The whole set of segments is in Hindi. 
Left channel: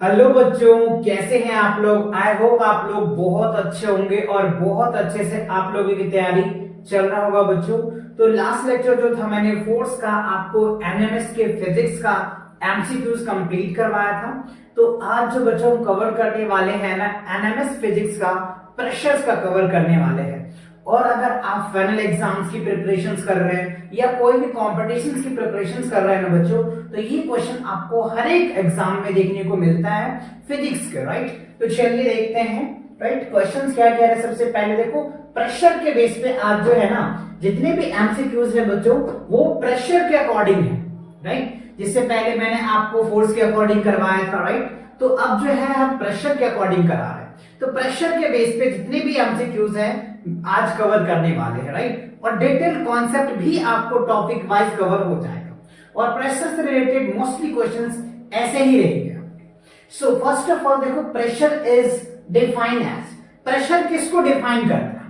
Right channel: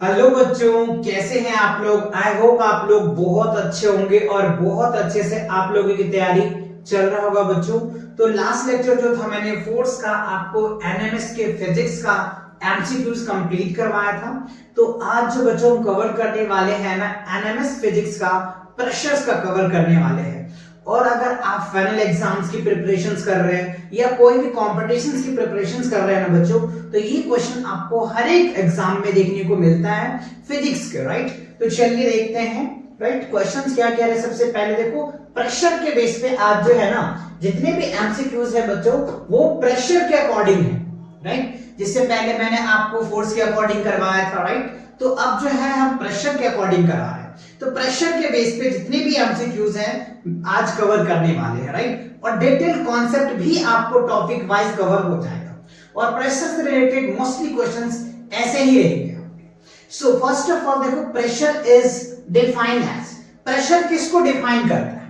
हेलो बच्चों, कैसे हैं आप लोग। आई होप आप लोग बहुत अच्छे होंगे और बहुत अच्छे से आप लोगों की तैयारी चल रहा होगा बच्चों। तो लास्ट लेक्चर जो था मैंने फोर्स का आपको एनएमएस के फिजिक्स का एमसीक्यूज कंप्लीट करवाया था। तो आज जो बच्चों हम कवर करने वाले हैं ना, एनएमएस फिजिक्स का प्रेशर्स का कवर करने वाले हैं। और अगर आप फाइनल एग्जाम्स की प्रिपरेशंस कर रहे हैं या कोई भी कॉम्पिटिशन्स की प्रिपरेशंस कर रहे हैं ना बच्चों, तो ये क्वेश्चन आपको हर एक एग्जाम में देखने को मिलता है फिजिक्स के। राइट, तो चलिए देखते हैं। राइट, क्वेश्चंस क्या कह रहे हैं। सबसे पहले देखो, प्रेशर के बेस पे आज जो है ना जितने भी एमसीक्यूज है बच्चों, वो प्रेशर के अकॉर्डिंग है। राइट, जिससे पहले मैंने आपको फोर्स के अकॉर्डिंग करवाया था। राइट, तो अब जो है हम प्रेशर के अकॉर्डिंग करा रहे हैं। तो प्रेशर के बेस पे जितने भी एमसीक्यूज हैं आज कवर करने वाले हैं। राइट, और डिटेल कॉन्सेप्ट भी आपको टॉपिक वाइज कवर हो जाएगा। और प्रेशर से रिलेटेड मोस्टली क्वेश्चंस ऐसे ही रहेंगे। सो फर्स्ट ऑफ ऑल देखो, pressure is defined as, pressure किसको डिफाइन करता है।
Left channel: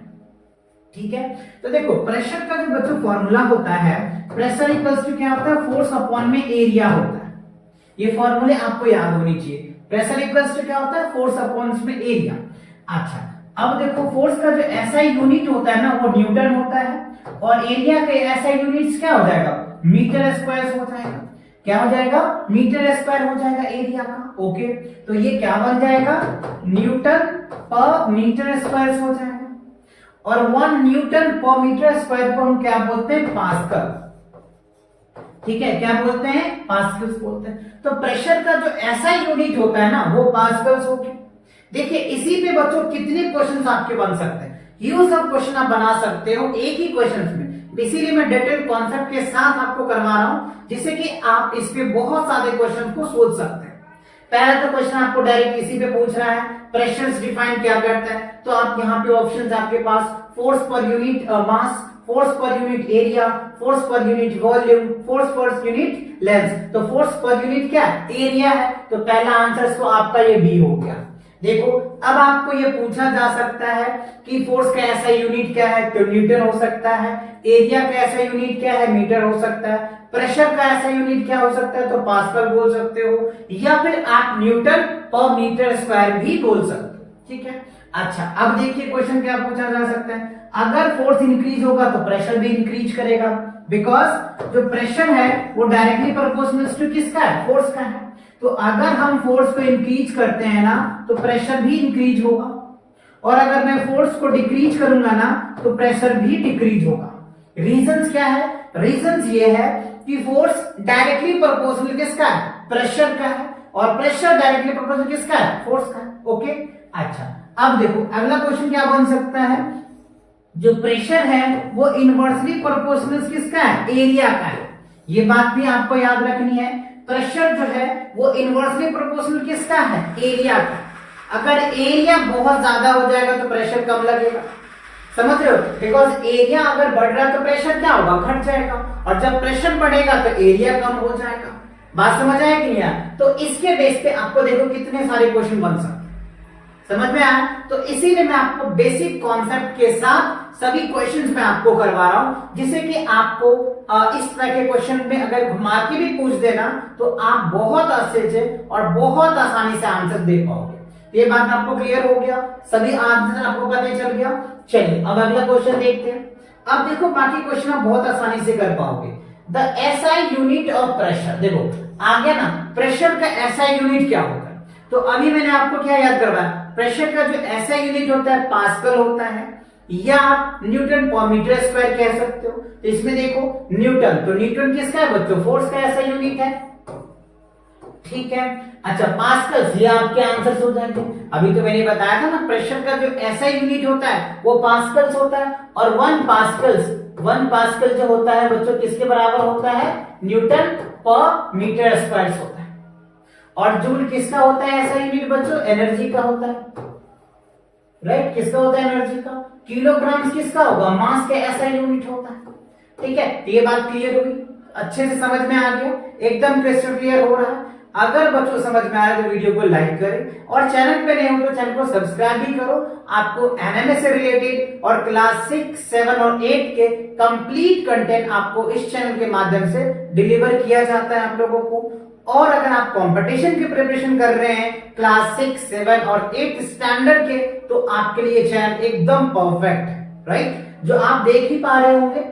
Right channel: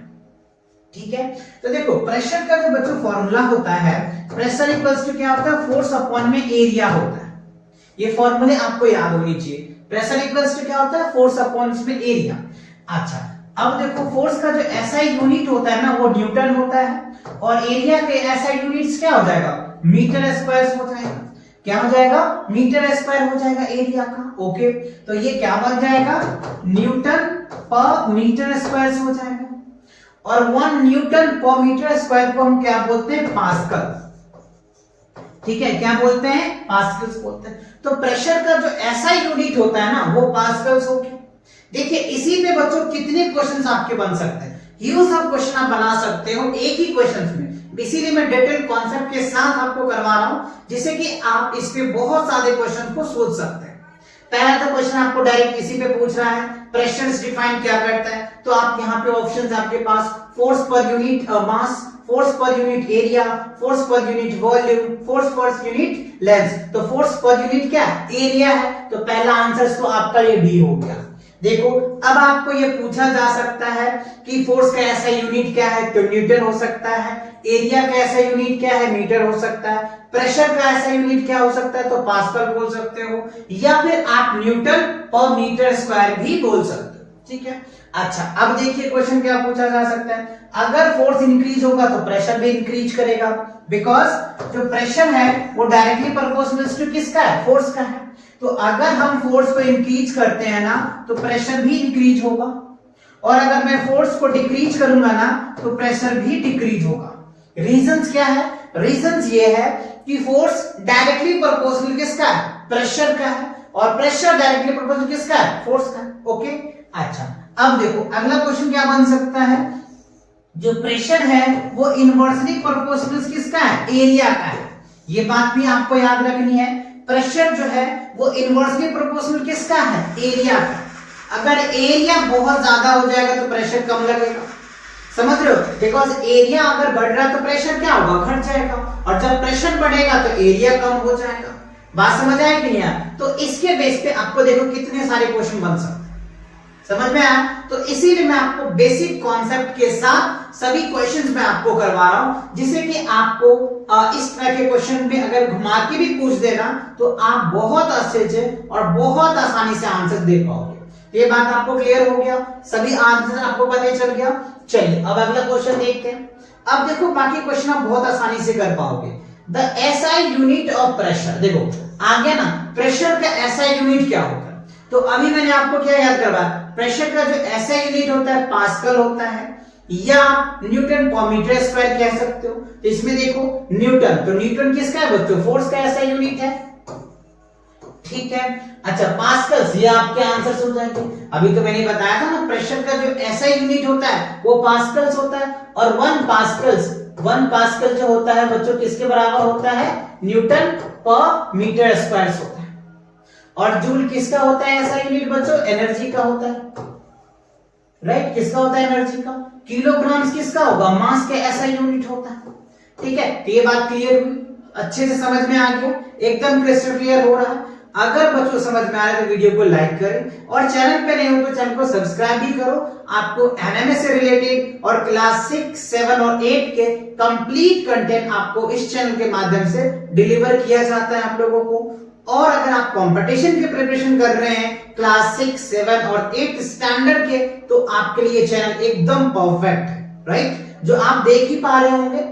ठीक है, तो देखो प्रेशर का जो बच्चों फॉर्मूला होता है, प्रेशर इक्वल्स टू क्या होता है, फोर्स अपॉन में एरिया होता है। ये फॉर्मूले आपको याद होनी चाहिए। प्रेशर इक्वल्स टू क्या होता है, फोर्स अपॉन में एरिया। अच्छा, अब देखो फोर्स का जो एसआई यूनिट होता है ना, वो न्यूटन होता है। और एरिया के एसआई यूनिट्स क्या हो जाएगा, मीटर स्क्वायर हो जाएगा। क्या हो जाएगा, मीटर स्क्वायर हो जाएगा एरिया का। ओके, तो ये क्या बन जाएगा, न्यूटन पर मीटर स्क्वायर हो जाएगा। और 1 न्यूटन पर मीटर स्क्वायर को हम क्या बोलते हैं, पास्कल। ठीक है, क्या बोलते हैं, पास्कल्स बोलते हैं। तो प्रेशर का जो ऐसा यूनिट होता है ना, वो पास्कल्स हो गया। देखिए इसी पे बच्चों कितने क्वेश्चंस आपके बन सकते हैं, ह्यूज ऑफ क्वेश्चन आप बना सकते हो एक ही क्वेश्चन में। इसीलिए मैं डिटेल कॉन्सेप्ट के साथ आपको करवा रहा हूं, जिससे कि आप इस पे बहुत सारे क्वेश्चन को सोच सकते हैं। पहला तो क्वेश्चन आपको डायरेक्ट इसी पे पूछ रहा है, प्रेशर डिफाइन क्या करता है। तो आप यहाँ पे ऑप्शन आपके पास, force per unit mass, force per unit area, force per unit volume, force per unit length. तो फोर्स पर यूनिट क्या है, एरिया है। तो पहला आंसर तो आपका ये बी हो गया। देखो अब आपको ये पूछा जा सकता है कि फोर्स का ऐसा यूनिट क्या है, तो न्यूटन हो सकता है। एरिया का ऐसा यूनिट क्या है, मीटर हो सकता है। प्रेशर का ऐसा यूनिट क्या हो सकता है, तो पास्कल बोल सकते हो, या फिर आप न्यूटन पर मीटर स्क्वायर भी बोल सकते हो। ठीक है, अच्छा अब देखिए क्वेश्चन क्या पूछा जा सकता है। अगर फोर्स इंक्रीज होगा तो प्रेशर भी इंक्रीज करेगा, बिकॉज जो प्रेशर है वो डायरेक्टली प्रोपोर्शनल टू किसका है, फोर्स का है। तो अगर हम फोर्स को इंक्रीज करते हैं ना, तो प्रेशर भी इंक्रीज होगा। और अगर मैं फोर्स को डिक्रीज करूंगा ना, तो प्रेशर भी डिक्रीज होगा। रीजंस क्या है, रीजंस ये है कि फोर्स डायरेक्टली प्रोपोर्शनल किसका है, प्रेशर का है। और प्रेशर डायरेक्टली प्रोपोर्शनल किसका है, फोर्स का है। ओके, अच्छा अब देखो अगला क्वेश्चन क्या बन सकता है। जो प्रेशर है वो इनवर्सली प्रोपोर्शनल किसका है, एरिया का है। ये बात भी आपको याद रखनी है। प्रेशर जो है वो इनवर्सली प्रोपोर्शनल किसका है, एरिया का। अगर एरिया बहुत ज्यादा हो जाएगा तो प्रेशर कम लगेगा, समझ रहे हो। बिकॉज एरिया अगर बढ़ रहा है तो प्रेशर क्या होगा, घट जाएगा। और जब प्रेशर बढ़ेगा तो एरिया कम हो जाएगा। बात समझ आए कि नहीं आया। तो इसके बेस पे आपको देखो कितने सारे क्वेश्चन बन सकते हैं, समझ में आया। तो इसीलिए मैं आपको बेसिक कॉन्सेप्ट के साथ सभी क्वेश्चंस मैं आपको करवा रहा हूं, जिससे कि आपको इस तरह के क्वेश्चन में अगर घुमा के भी पूछ देना तो आप बहुत अच्छे से और बहुत आसानी से आंसर दे पाओगे। ये बात आपको क्लियर हो गया, सभी आंसर आपको पता चल गया। चलिए अब अगला क्वेश्चन देखते हैं। अब देखो बाकी क्वेश्चन आप बहुत आसानी से कर पाओगे। The SI unit of pressure, देखो आ गया ना, प्रेशर का एसआई यूनिट क्या होता है। तो अभी मैंने आपको क्या याद करवाया, प्रेशर का जो एसआई यूनिट होता है पास्कल होता है, या न्यूटन पर मीटर स्क्वायर कह सकते हो। तो इसमें देखो न्यूटन, तो न्यूटन किसका है बच्चों, फोर्स का ऐसा यूनिट है। ठीक है, अच्छा पास्कल्स, ये आपके आंसर्स हो जाएंगे। अभी तो मैंने बताया था ना, प्रेशर का जो ऐसा यूनिट होता है वो पास्कल्स होता है। और 1 पास्कल जो होता है बच्चों किसके बराबर होता है, न्यूटन पर मीटर स्क्वायर होता है। और जूल किसका होता है ऐसा यूनिट बच्चों, एनर्जी का होता है। राइट, किसका होता है, एनर्जी का। किलोग्राम्स किसका होगा, मास का ऐसा यूनिट होता है। ठीक है, तो ये बात क्लियर हुई, अच्छे से समझ में आ गया, एकदम क्रिस्टल क्लियर हो रहा है। अगर बच्चों समझ में आ रहा है तो वीडियो को लाइक करें, और चैनल पे नए हो तो चैनल को सब्सक्राइब भी करो। आपको एनएमएस से रिलेटेड और क्लास 6, 7 और 8 के कंप्लीट कंटेंट आपको इस चैनल के माध्यम से डिलीवर किया जाता है आप लोगों को। और अगर आप कंपटीशन की प्रिपरेशन कर रहे हैं क्लास 6, 7 और 8 स्टैंडर्ड के, तो आपके लिए चैनल एकदम परफेक्ट है, राइट, जो आप देख ही पा रहे होंगे।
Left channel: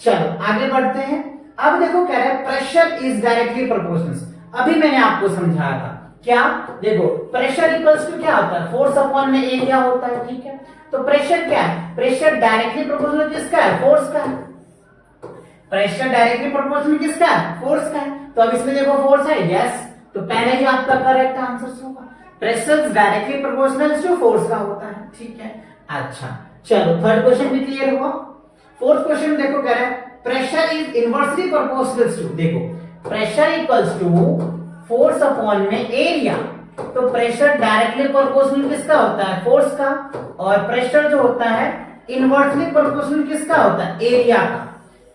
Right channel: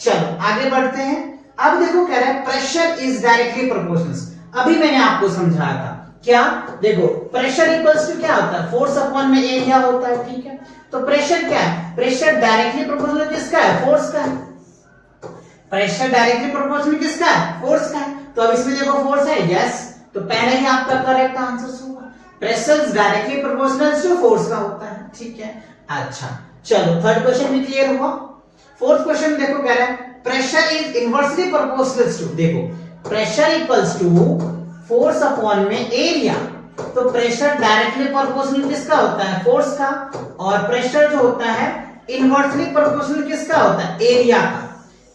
चलो आगे बढ़ते हैं। अब देखो कह रहा है प्रेशर इज डायरेक्टली प्रोपोर्शनल। अभी मैंने आपको समझाया था क्या, देखो प्रेशर इक्वल्स टू क्या होता है, फोर्स अपॉन में एरिया होता है, ठीक है। तो प्रेशर क्या है, प्रेशर डायरेक्टली प्रोपोर्शनल किसका है, फोर्स का है। प्रेशर डायरेक्टली प्रोपोर्शनल किसका है, फोर्स का है। तो अब इसमें देखो फोर्स है, यस, तो पहले ही आपका करेक्ट आंसर होगा, pressure directly proportional to force का होता है, ठीक है। अच्छा चलो थर्ड क्वेश्चन भी क्लियर हुआ। फोर्थ क्वेश्चन देखो कह रहा है pressure is inversely proportional to, देखो pressure equals to force upon में एरिया। तो प्रेशर डायरेक्टली प्रोपोर्शनल किसका होता है, फोर्स का, और प्रेशर जो होता है इनवर्सली प्रोपोर्शनल किसका होता है, एरिया का।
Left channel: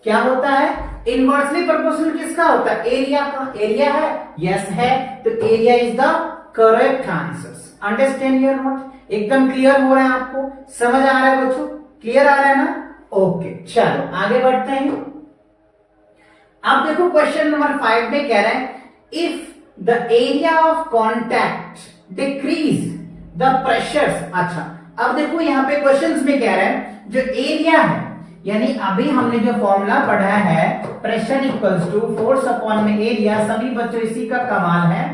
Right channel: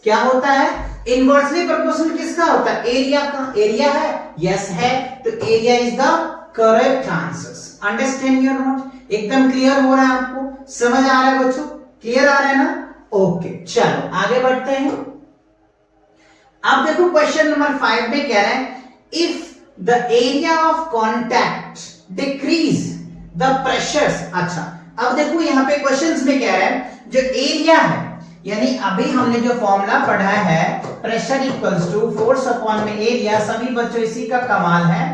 क्या होता है, इनवर्सली प्रोपोर्शनल किसका होता है, एरिया का। एरिया है, यस है, तो area is the correct answer. Understand your note, एकदम क्लियर हो रहा है आपको, समझ आ रहा है बच्चों, क्लियर आ रहा है ना, ओके। चलो आगे बढ़ते हैं। अब देखो क्वेश्चन नंबर 5 में कह रहा है if the area of contact decrease the pressures. अच्छा अब देखो यहाँ पे क्वेश्चंस में कह रहा है जो एरिया है, यानी अभी हमने जो फॉर्मूला पढ़ा है pressure equals to force upon में एरिया, सभी बच्चों इसी का कमाल है।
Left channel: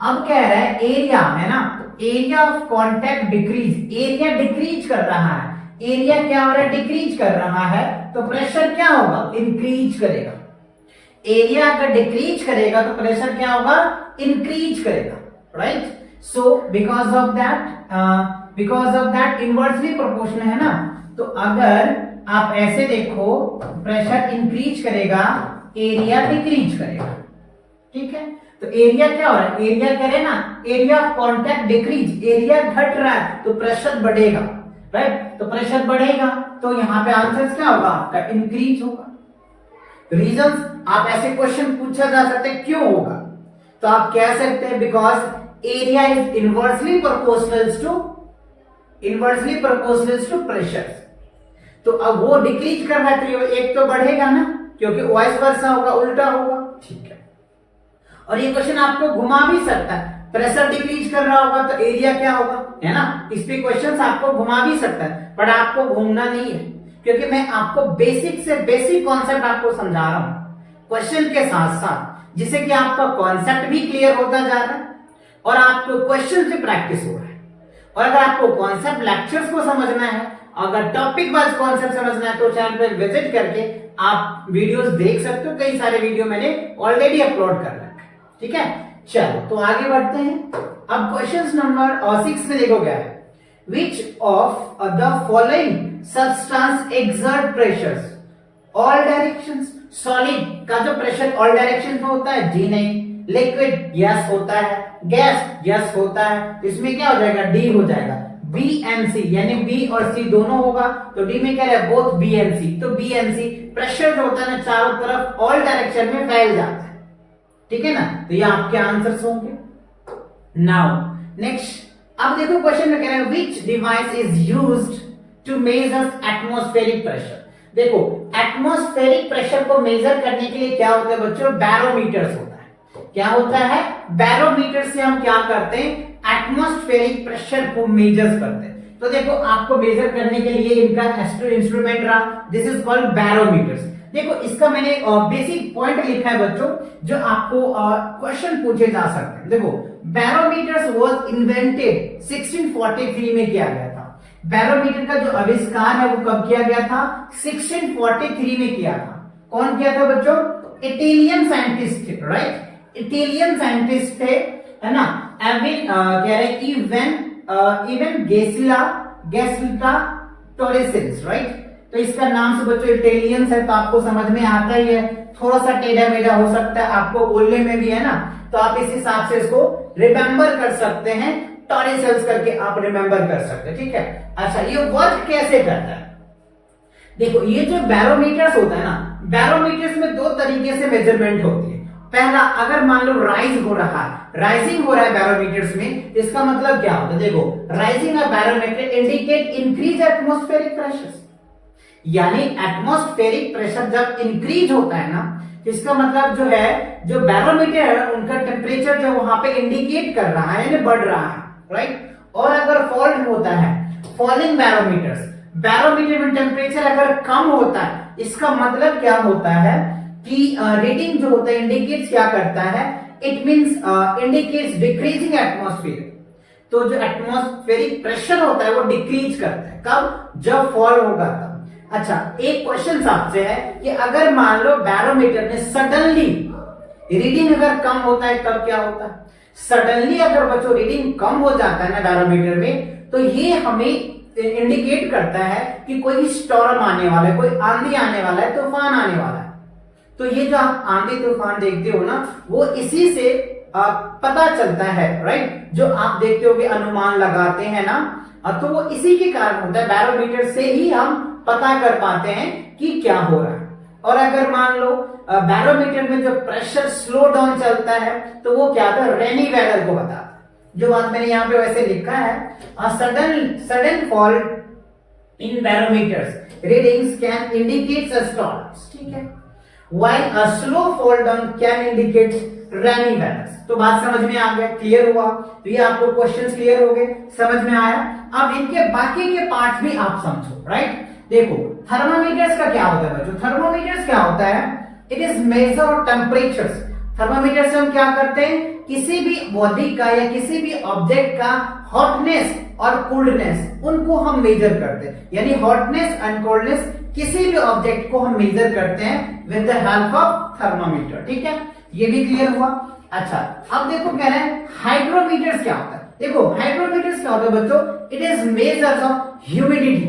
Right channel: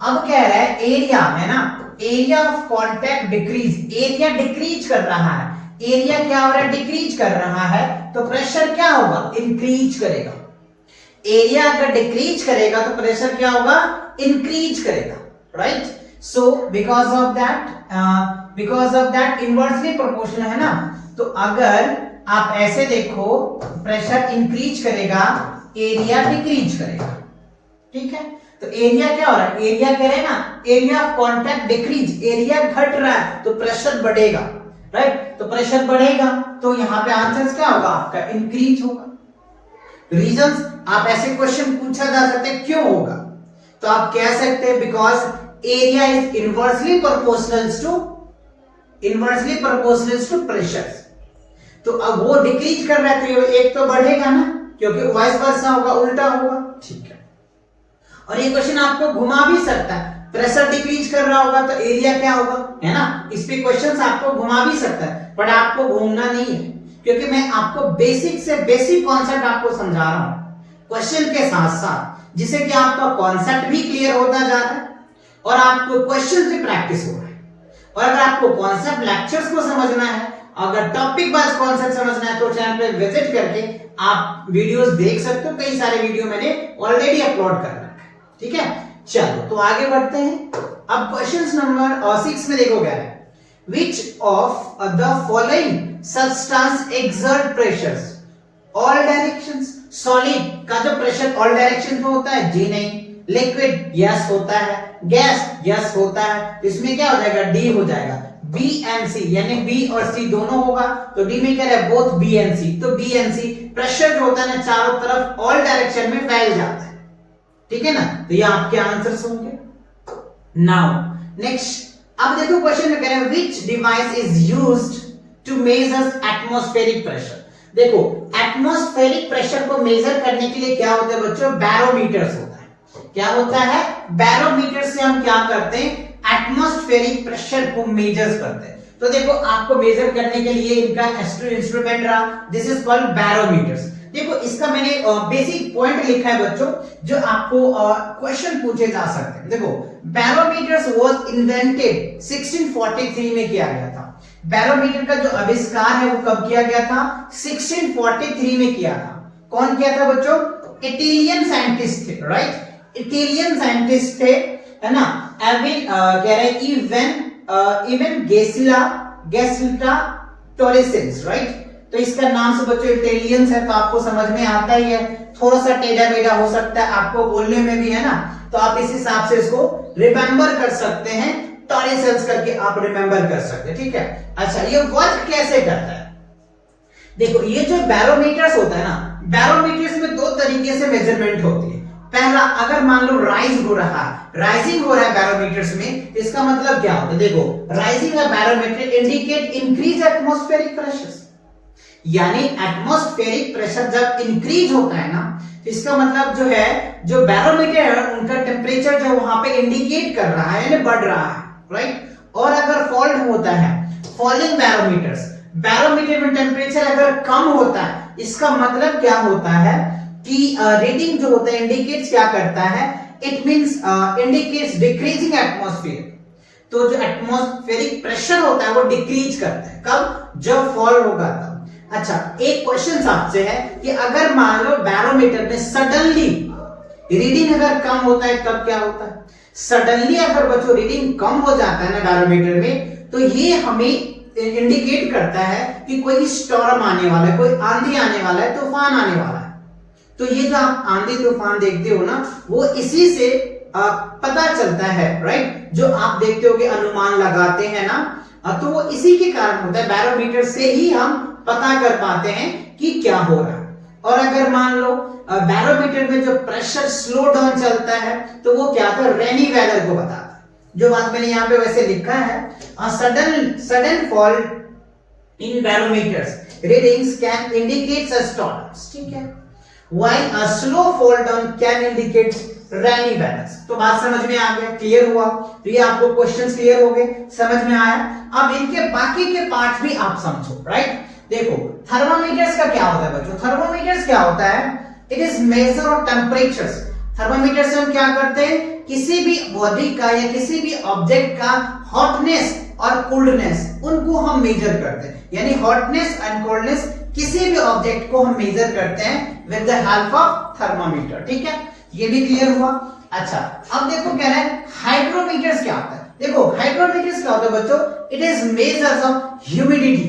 अब कह रहा है एरिया है ना, area of contact decrease, area decrease कर रहा है, एरिया क्या हो रहा है, डिक्रीज कर रहा है, तो प्रेशर क्या होगा, इंक्रीज करेगा। एरिया अगर डिक्रीज करेगा तो प्रेशर क्या होगा, इंक्रीज करेगा, right. So because of that inversely proportional है ना, तो अगर आप ऐसे देखो प्रेशर इंक्रीज करेगा, एरिया डिक्रीज करेगा, ठीक है। तो एरिया क्या हो रहा है, एरिया कह रहे ना, area of contact decrease, area घट रहा है तो प्रेशर बढ़ेगा, राइट। तो प्रेशर बढ़ेगा तो यहां पे आंसर क्या होगा आपका, इंक्रीज होगा। रीजंस आप ऐसे क्वेश्चन पूछा जा सकते हैं क्यों होगा, तो आप कह सकते हैं because area is inversely proportional to pressure. तो अब वो डिक्रीज कर रहा है तो एक तो बढ़ेगा ना, क्योंकि वाइस वर्सा होगा, उल्टा होगा, ठीक है। और ये क्वेश्चन आपको घुमा भी सकता है, प्रेशर डिक्रीज कर रहा होगा तो एरिया क्या होगा, है ना। इस पे क्वेश्चंस आपको घुमा भी सकता है, पर आपको घूमना नहीं है, क्योंकि मैं आपको बेसिक से बेसिक कॉन्सेप्ट आपको समझा रहा हूं क्वेश्चन के साथ साथ, जिससे कि आपका कॉन्सेप्ट भी क्लियर होता जा रहा है और आपको क्वेश्चन से प्रैक्टिस हो रहा है। और अगर आपको कॉन्सेप्ट लेक्चर्स को समझना है, अगर टॉपिक वाइज कॉन्सेप्ट समझना है, तो चैनल पे विजिट करके आप वीडियोस देख सकते हो, कई सारे वीडियो मैंने ऑलरेडी अपलोड कर रखा है, ठीक है। चलो तो आगे बढ़ते हैं। अब क्वेश्चन नंबर 6 में देखो क्या है, which of the following substance exert pressures all directions. Solid का जो प्रेशर ऑल डायरेक्शन में होता है, जी नहीं। लिक्विड यस होता है, गैस यस होता है, इसमें क्या हो जाएगा, डी हो जाएगा। बी एंड सी, यानी बी और सी दोनों होगा, तो डी में क्या है, बोथ बी एंड सी। तो बी एंड सी प्रेशर जो होता है ना चारों तरफ ऑल डायरेक्शन में फैल जाता है, ठीक है ना। तो ये आपके आंसर्स होंगे। नाउ नेक्स्ट, अब देखो क्वेश्चन में कह रहा है which device is used to measure atmospheric pressure. देखो एटमॉस्फेरिक प्रेशर को मेजर करने के लिए क्या होता है बच्चों, बैरोमीटर्स होता है। क्या होता है, बैरोमीटर से हम क्या करते हैं, एटमॉस्फेरिक प्रेशर को मेजर करते हैं। तो देखो आपको मेजर करने के लिए इनका इंस्ट्रूमेंट रहा, दिस इज कॉल्ड बैरोमीटर्स। देखो इसका मैंने बेसिक पॉइंट लिखा है बच्चों, जो आपको क्वेश्चन पूछे जा सकते हैं। देखो बैरोमीटर्स वाज इन्वेंटेड 1643 में किया गया था। बैरोमीटर का जो आविष्कार है वो कब किया गया था, 1643 में किया था। कौन किया था बच्चों, इटालियन साइंटिस्ट थे, राइट, इटालियन साइंटिस्ट थे, है ना। कह रहे इवन गेसिला टोरेसेंस, राइट। तो इसका नाम से बच्चों इटालियंस है, तो आपको समझ में आता ही है, थोड़ा सा टेढ़ा मेढ़ा हो सकता है आपको बोलने में भी, है ना। तो आप इस हिसाब से इसको रिमेंबर कर सकते हैं, टोरेसेंस करके आप रिमेंबर कर सकते हैं, ठीक है। अच्छा ये वर्क कैसे करता है, देखो ये जो बैरोमीटर्स होता है ना, बैरोमीटर्स में दो तरीके से मेजरमेंट होती है। पहला, अगर मान लो राइजिंग हो रहा है बैरोमीटर्स में, इसका मतलब क्या होता है, देखो rising a barometer indicate increase atmospheric pressure, यानी एटमॉस्फेरिक प्रेशर जब इंक्रीज होता है ना, इसका मतलब जो है, जो बैरोमीटर है उनका टेम्परेचर जो वहां पे इंडिकेट कर रहा है यानी बढ़ रहा है, राइट। और अगर फॉल्ट होता है, फॉलिंग बैरोमीटर्स, बैरोमीटर में टेम्परेचर अगर कम होता है, इसका मतलब क्या होता है कि रीडिंग जो होता है इंडिकेट्स क्या करता है, it means indicates decreasing atmosphere. तो जो एटमॉस्फेरिक प्रेशर होता है वो डिक्रीज करता है, कब, जब फॉल होगा तब। अच्छा, एक क्वेश्चन आपसे है कि अगर मान लो बैरोमीटर में सडनली रीडिंग अगर कम होता है तब क्या होता है। सडनली अगर बच्चों रीडिंग कम हो जाता है ना बैरोमीटर में, तो ये हमें इंडिकेट करता है कि कोई स्टॉर्म आने वाला है, कोई आंधी आने वाला है, तूफान आने वाला है। तो ये जो आप आंधी तूफान देखते हो ना, वो इसी से पता चलता है, राइट। जो आप देखते हो कि अनुमान लगाते हैं ना, तो वो इसी के कारण होता है, बैरोमीटर से ही हम पता कर पाते हैं कि क्या हो रहा है। और अगर मान लो बैरोमीटर में जो प्रेशर स्लो डाउन चलता है, तो वो क्या होता है, रेनी वेदर को बताता है। जो बात मैंने यहाँ पे वैसे लिखा है, sudden fall in barometers readings can indicate a storm, ठीक है, while a slow fall down can indicate rainy weather। तो बात समझ में आ गया, क्लियर हुआ। तो ये आपको क्वेश्चंस क्लियर हो गए, समझ में आया। अब इनके बाकी के पार्ट भी आप समझो, राइट। देखो थर्मामीटर्स का क्या होता है बच्चों, थर्मामीटर्स क्या होता है, it is measure of temperatures. Thermometer से हम क्या करते हैं, किसी भी बॉडी का या किसी भी ऑब्जेक्ट का हॉटनेस और कोल्डनेस, उनको हम मेजर करते हैं, यानी हॉटनेस एंड कोल्डनेस किसी भी ऑब्जेक्ट को हम मेजर करते हैं with the help of thermometer, ठीक है, ये भी क्लियर हुआ। अच्छा, अब देखो कह रहा है हाइग्रोमीटर्स क्या होता है। देखो हाइग्रोमीटर्स क्या होता है बच्चों, it is measures of humidity,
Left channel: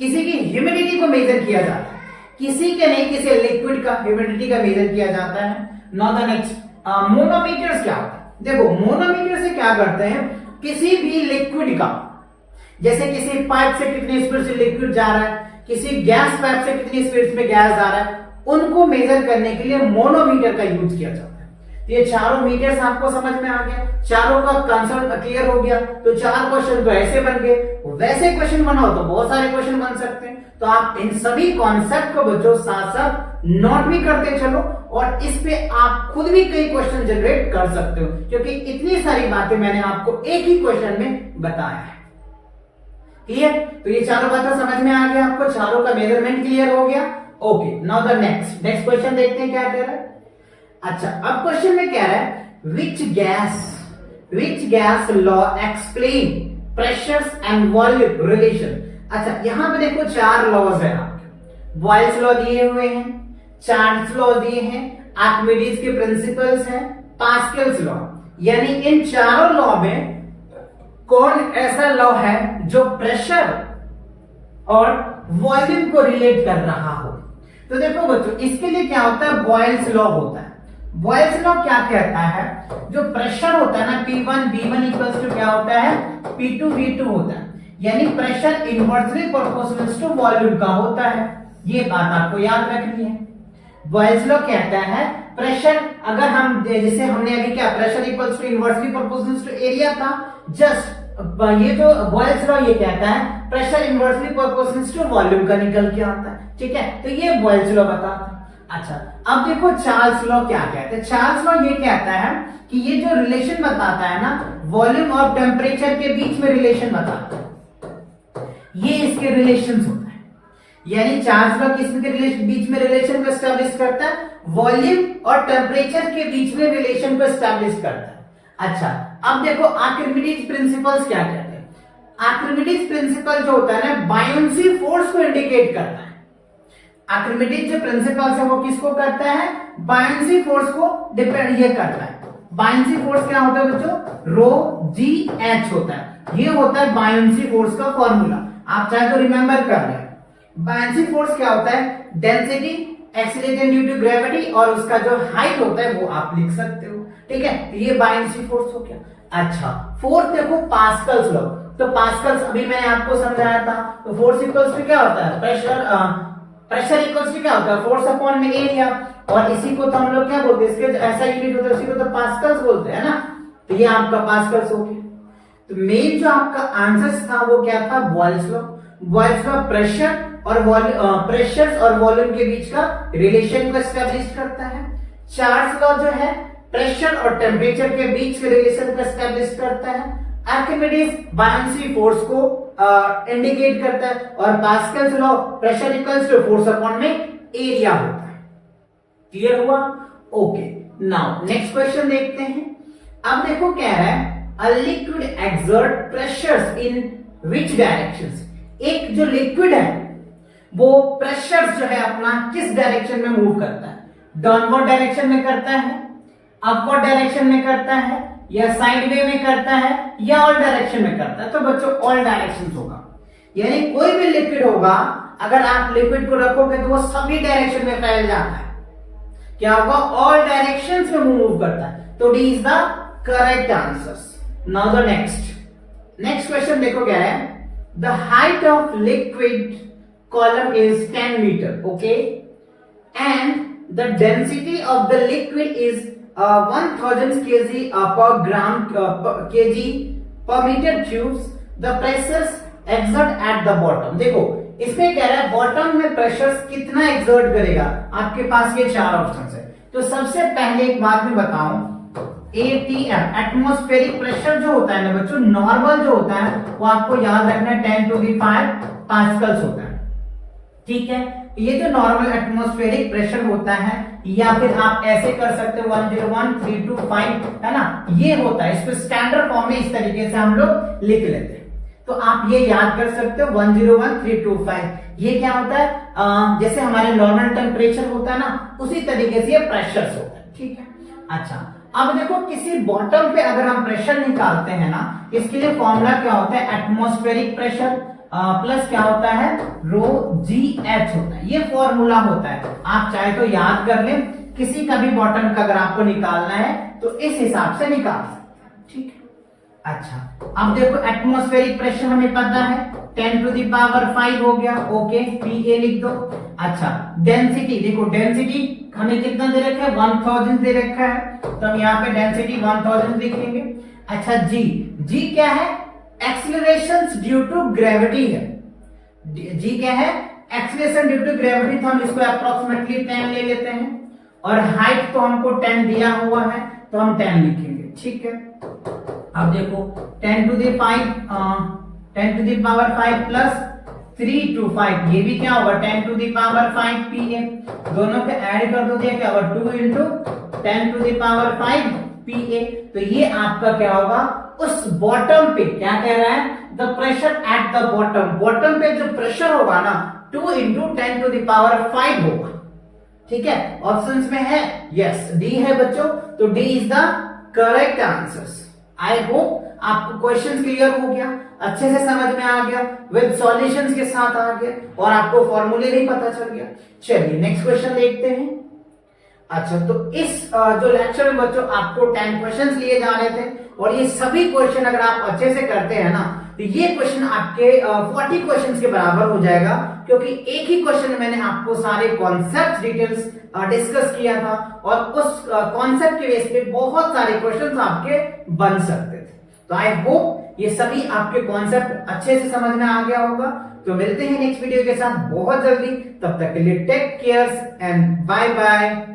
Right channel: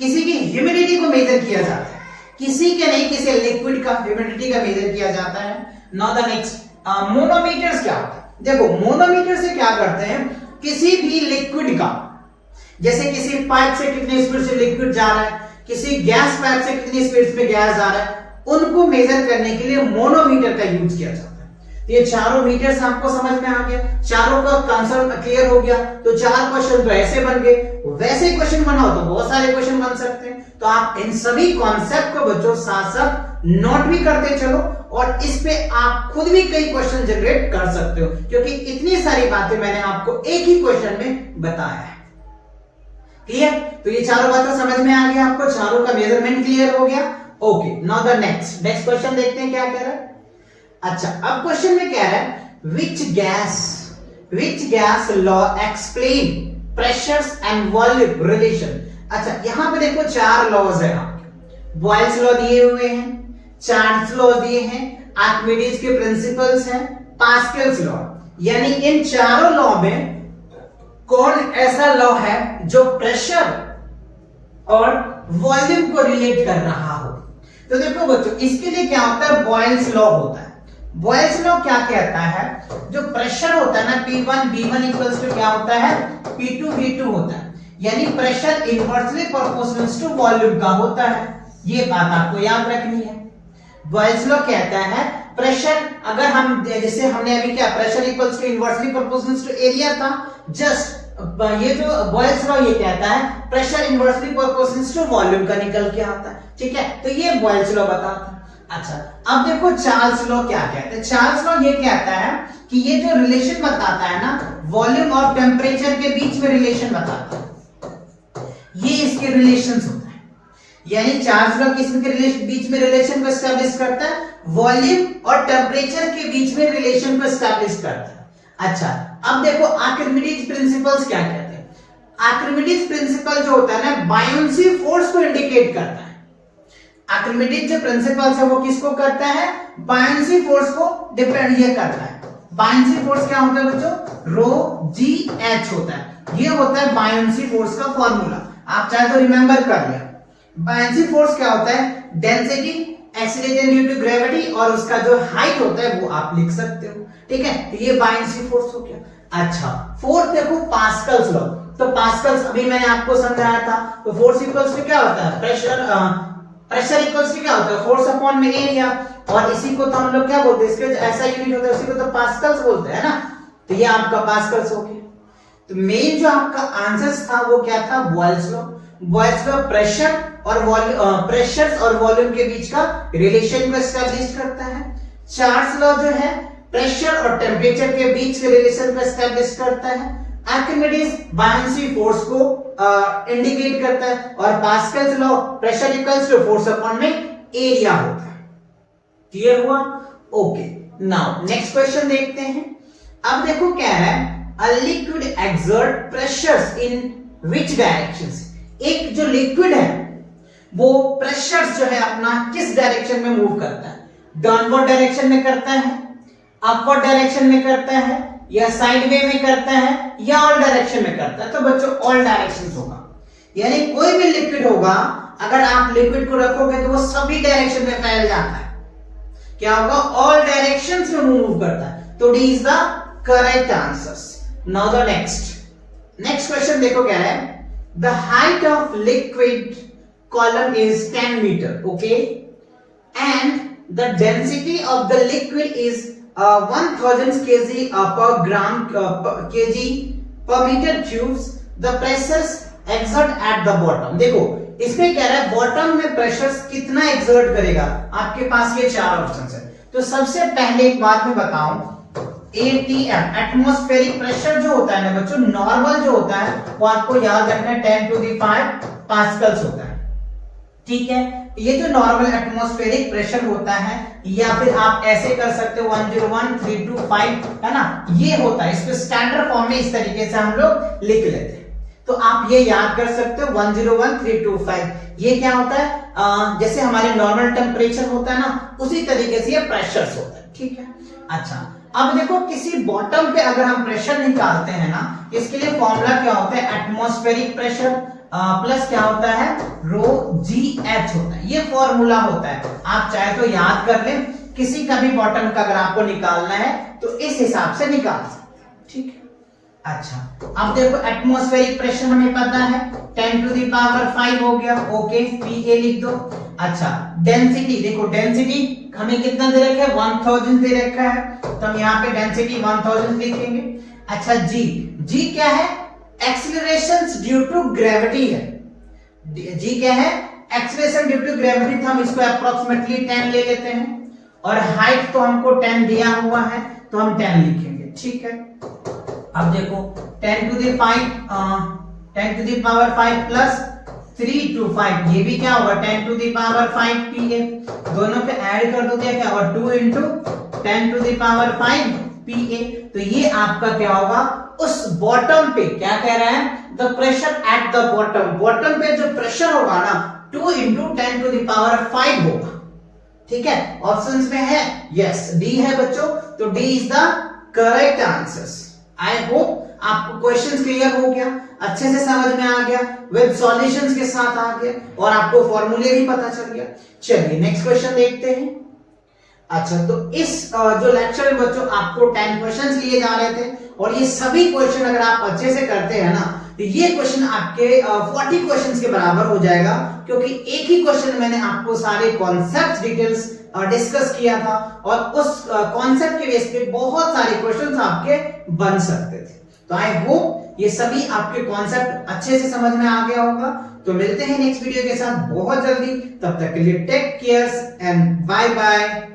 किसी की ह्यूमिडिटी को मेजर किया जाता है, किसी के नहीं, किसी लिक्विड का ह्यूमिडिटी का मेजर किया जाता है। नाउ द नेक्स्ट, मोनोमीटर्स क्या होता है। देखो मोनोमीटर से क्या करते हैं, किसी भी लिक्विड का, जैसे किसी पाइप से कितनी स्पीड से लिक्विड जा रहा है, किसी गैस पाइप से कितनी स्पीड में गैस आ रहा है, उनको मेजर करने के लिए मोनोमीटर का यूज किया जाता है। तो ये चारों मीटर्स आपको समझ में आ गया, चारों का कंसेप्ट क्लियर हो गया। तो चार क्वेश्चन तो ऐसे बन गए, वैसे क्वेश्चन बनाओ तो बहुत सारे क्वेश्चन बन सकते हैं। तो आप इन सभी कॉन्सेप्ट को बच्चों साथ साथ नोट भी करते चलो, और इस पे आप खुद भी कई क्वेश्चन जनरेट कर सकते हो, क्योंकि इतनी सारी बातें मैंने आपको एक ही क्वेश्चन में बताया है। क्लियर? तो ये चारों बातें समझ में आ गया आपको, चारों का मेजरमेंट क्लियर हो गया। Okay, now the next question देखते हैं क्या कह रहा है। अच्छा, अब क्वेश्चन में कह रहा है which gas law explain pressures and volume relation. अच्छा, यहां पे देखो चार लॉज है आपके, बॉयल्स लॉ दिए हुए हैं, चार्ल्स लॉ दिए हैं, आर्किमिडीज के प्रिंसिपल्स हैं, पास्कल्स लॉ। यानी इन चारों लॉ में कौन ऐसा लॉ है जो प्रेशर और वॉल्यूम को रिलेट कर रहा हो। तो देखो बच्चों, इसके लिए क्या होता है, बॉयल्स लॉ होता है। बॉयल्स लॉ क्या कहता है, जो प्रेशर होता है ना P1 V1 इक्वल्स टू क्या होता है, P2 V2 होता है, यानी pressure inversely proportional to volume का होता है। ये बात आपको याद रखनी है। बॉयल्स लॉ कहता है प्रेशर, अगर हम जैसे हमने अभी क्या, pressure equals to inversely proportional to area था, जस्ट ये जो बॉयल्स लॉ ये कहता है pressure inversely proportional to volume का निकल के आता है, ठीक है। तो ये बॉयल्स लॉ बताता है। अच्छा, अब देखो चार्ल्स लॉ क्या कहते हैं। चार्ल्स लॉ ये कहता है कि ये जो रिलेशन बताता है ना, वॉल्यूम और टेम्परेचर के बीच में रिलेशन बताता है, ये इसके रिलेशंस होता है। यानी चार्ल्स लॉ किसके रिलेशन, बीच में रिलेशन को एस्टैब्लिश करता है, वॉल्यूम और टेम्परेचर के बीच में रिलेशन को एस्टैब्लिश करता है। अच्छा, अब देखो आर्किमिडीज प्रिंसिपल्स क्या कहते हैं। आर्किमिडीज प्रिंसिपल जो होता है ना, बायोंसी फोर्स को इंडिकेट करता है। आर्किमिडीज जो प्रिंसिपल्स है वो किसको करता है, बायोंसी फोर्स को डिपेंड ये करता है। बायोंसी फोर्स क्या होता है बच्चों, रो जी एच होता है। ये होता है बायोंसी फोर्स का फॉर्मूला, आप चाहे तो रिमेंबर कर ले। बायोंसी फोर्स क्या होता है, density acceleration due to gravity, और उसका जो हाइट होता है वो आप लिख सकते हो, ठीक है। तो ये बायोंसी फोर्स हो गया। अच्छा, फोर्थ देखो पास्कल्स लॉ। तो पास्कल्स अभी मैंने आपको समझाया था। तो फोर्स इक्वल्स टू क्या होता है, प्रेशर इक्वल्स टू क्या होता है, फोर्स अपॉन में एरिया, और इसी को तो हम लोग क्या बोलते हैं, इसके ऐसा यूनिट होता है उसी को तो पास्कल्स बोलते हैं ना। तो ये आपका पास्कल्स हो गया। तो मेन जो आपका आंसर था वो क्या था, Boyle's law. Boyle's law pressure और प्रेशर्स और वॉल्यूम के बीच का रिलेशन को एस्टैब्लिश करता है। चार्ल्स लॉ जो है प्रेशर और टेम्परेचर के बीच के रिलेशन को एस्टैब्लिश करता है। आर्किमिडीज बायनेंसी फोर्स को इंडिकेट करता है और Pascal's law pressure equals to force upon में एरिया होता है। क्लियर हुआ? ओके, नाउ नेक्स्ट क्वेश्चन देखते हैं। अब देखो क्या है, a liquid exert pressures in which directions. एक जो लिक्विड है वो प्रेशर्स जो है अपना किस डायरेक्शन में मूव करता है? डाउनवर्ड डायरेक्शन में करता है, अपवर्ड डायरेक्शन में करता है, या साइड वे में करता है, या ऑल डायरेक्शन में करता है? तो बच्चों ऑल डायरेक्शन होगा, यानी कोई भी लिक्विड होगा अगर आप लिक्विड को रखोगे तो वो सभी डायरेक्शन में फैल जाता है। क्या होगा? ऑल डायरेक्शंस में मूव करता है। तो D is the correct answers. Now the next question देखो क्या है, the height of liquid column is 10 metre, okay, and the density of the liquid is 1000 kg per gram kg per meter cubes. The pressures exert at the bottom. देखो इसमें कह रहा है बॉटम में प्रेशर्स कितना एक्सर्ट करेगा। आपके पास ये चार ऑप्शंस है। तो सबसे पहले एक बात मैं बताऊं, ATM एटमॉस्फेरिक प्रेशर जो होता है ना बच्चों, नॉर्मल जो होता है वो आपको याद रखना है 10⁵ पास्कल्स होता है। ठीक है, ये जो नॉर्मल एटमॉस्फेरिक प्रेशर होता है, या फिर आप ऐसे कर सकते हो 101,325 है ना, ये होता है। इसको स्टैंडर्ड फॉर्म में इस तरीके से हम लोग लिख लेते हैं। तो आप ये याद कर सकते हो 101,325। ये क्या होता है? जैसे हमारे नॉर्मल टेम्परेचर होता है ना, उसी तरीके से ये प्रेशर्स होता है। ठीक है, अच्छा अब देखो किसी बॉटम पे अगर हम प्रेशर निकालते हैं ना, इसके लिए फॉर्मूला क्या होता है? एटमॉस्फेरिक प्रेशर प्लस क्या होता है? रो जी एच होता है। ये फॉर्मूला होता है, आप चाहे तो याद कर लें। किसी का भी बॉटम का अगर आपको निकालना है तो इस हिसाब से निकाल सकते हैं। ठीक है, अच्छा अब देखो एटमॉस्फेरिक प्रेशर हमें पता है 10⁵ हो गया, ओके, पीए लिख दो। अच्छा डेंसिटी देखो, डेंसिटी हमें कितना दे रखा है? 1000 दे रखा है, तो हम यहाँ पे डेंसिटी 1000 लिखेंगे। अच्छा जी क्या है? एक्सीलरेशंस ड्यू टू ग्रेविटी है। जी क्या है? एक्सीलरेशन ड्यू टू ग्रेविटी, तो हम इसको अप्रोक्सीमेटली 10 ले लेते हैं। और हाइट तो हमको 10 दिया हुआ है, तो हम 10 लिखेंगे। ठीक है, अब देखो 10⁵ प्लस 325, ये भी क्या होगा? 10⁵ पीए। दोनों पे ऐड कर दो, क्या होगा? 2 × 10⁵ पीए। तो ये आपका क्या होगा? उस बॉटम पे क्या कह रहा है? The pressure at the bottom. Bottom पे जो प्रेशर होगा ना 2 × 10⁵ होगा। ठीक है, ऑप्शंस में है यस, डी है बच्चों। तो D is the correct answers. I hope आपको क्वेश्चन क्लियर हो गया, अच्छे से समझ में आ गया, विद सॉल्यूशंस के साथ आ गया, और आपको फॉर्मूले भी पता चल गया। चलिए नेक्स्ट क्वेश्चन देखते हैं। अच्छा, तो इस जो लेक्चर में बच्चों आपको 10 क्वेश्चंस लिए जा रहे थे, और ये सभी क्वेश्चन अगर आप अच्छे से करते हैं ना, तो ये क्वेश्चन आपके 40 क्वेश्चंस के बराबर हो जाएगा, क्योंकि एक ही क्वेश्चन में मैंने आपको सारे कॉन्सेप्ट डिटेल्स डिस्कस किया था, और उस कॉन्सेप्ट के बेस पे बहुत सारे क्वेश्चंस आपके बन सकते थे। तो आई होप ये सभी आपके कॉन्सेप्ट अच्छे से समझ में आ गया होगा। तो मिलते हैं नेक्स्ट वीडियो के साथ बहुत जल्दी, तब तक के लिए take care and bye bye.